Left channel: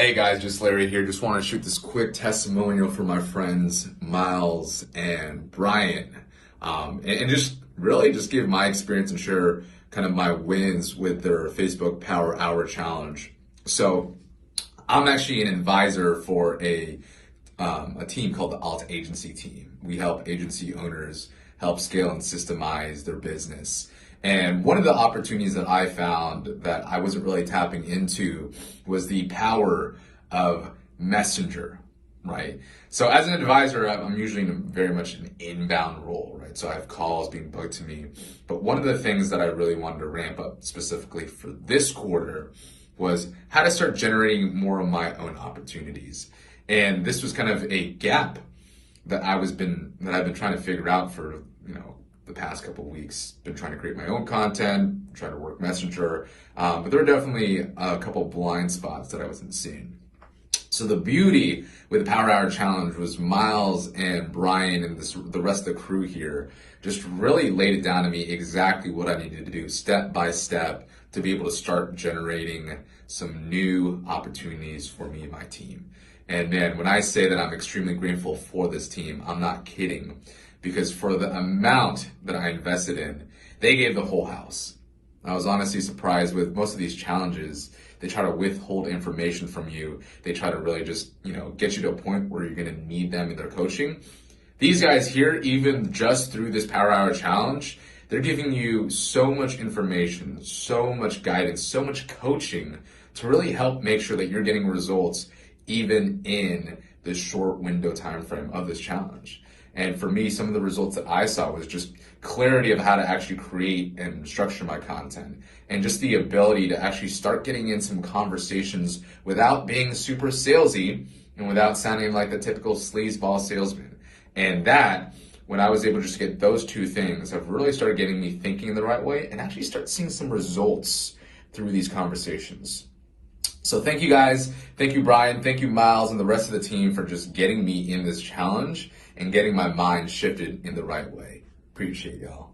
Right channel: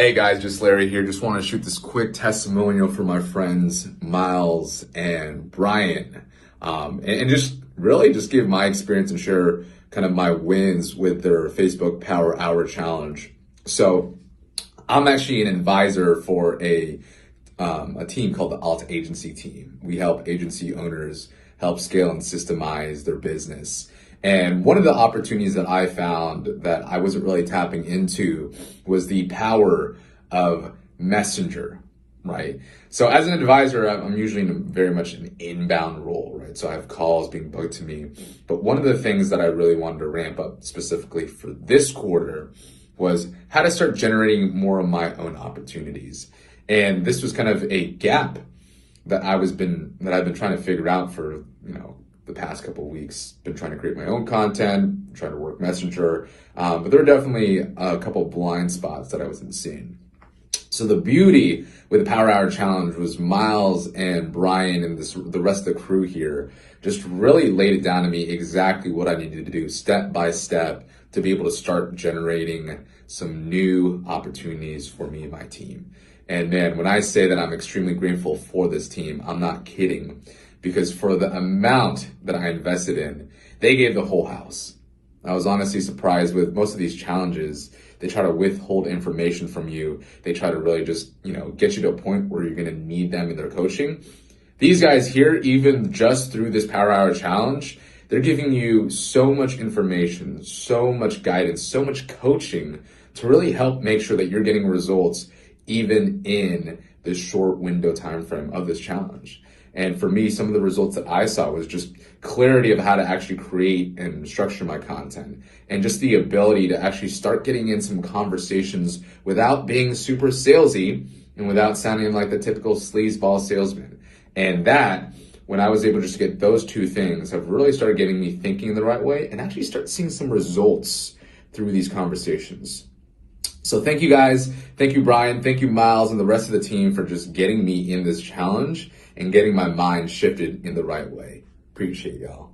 Hey guys, just Larry here. Just want to shoot this quick testimonial for my friends Miles and Brian, and just really just give my experience and share kind of my wins with their Facebook Power Hour Challenge. So I'm actually an advisor for a team called the Alt Agency Team. We help agency owners help scale and systemize their business. And one of the opportunities that I found that I wasn't really tapping into was the power of Messenger, right? So as an advisor, I'm usually in very much an inbound role, right? So I have calls being booked to me. But one of the things that I really wanted to ramp up specifically for this quarter was how to start generating more of my own opportunities. And this was kind of a gap that I've been trying to figure out for, the past couple of weeks. Been trying to create my own content, trying to work Messenger, but there are definitely a couple of blind spots that I wasn't seeing. So the beauty with the Power Hour Challenge was Miles and Brian and the rest of the crew here just really laid it down to me exactly what I needed to do step by step to be able to start generating some new opportunities for me and my team. And man, when I say that I'm extremely grateful for this team, I'm not kidding. Because for the amount that I invested in, they gave the whole house. I was honestly surprised with most of these challenges. They try to withhold information from you. They try to really just, get you to a point where you're going to need them in their coaching. These guys here, even just through this Power Hour Challenge, they're giving you so much information, so much guidance, so much coaching to really help make sure that you're getting results even in this short window time frame of this challenge. And for me, some of the results that I saw was just clarity of how to actually create and structure my content, and just the ability to actually start getting in some conversations without being super salesy and without sounding like the typical sleazeball salesman. And that, when I was able to just get those two things, have really started getting me thinking the right way and actually start seeing some results through these conversations. So thank you guys, thank you Brian, thank you Miles and the rest of the team for just getting me in this challenge and getting my mind shifted in the right way. Appreciate y'all.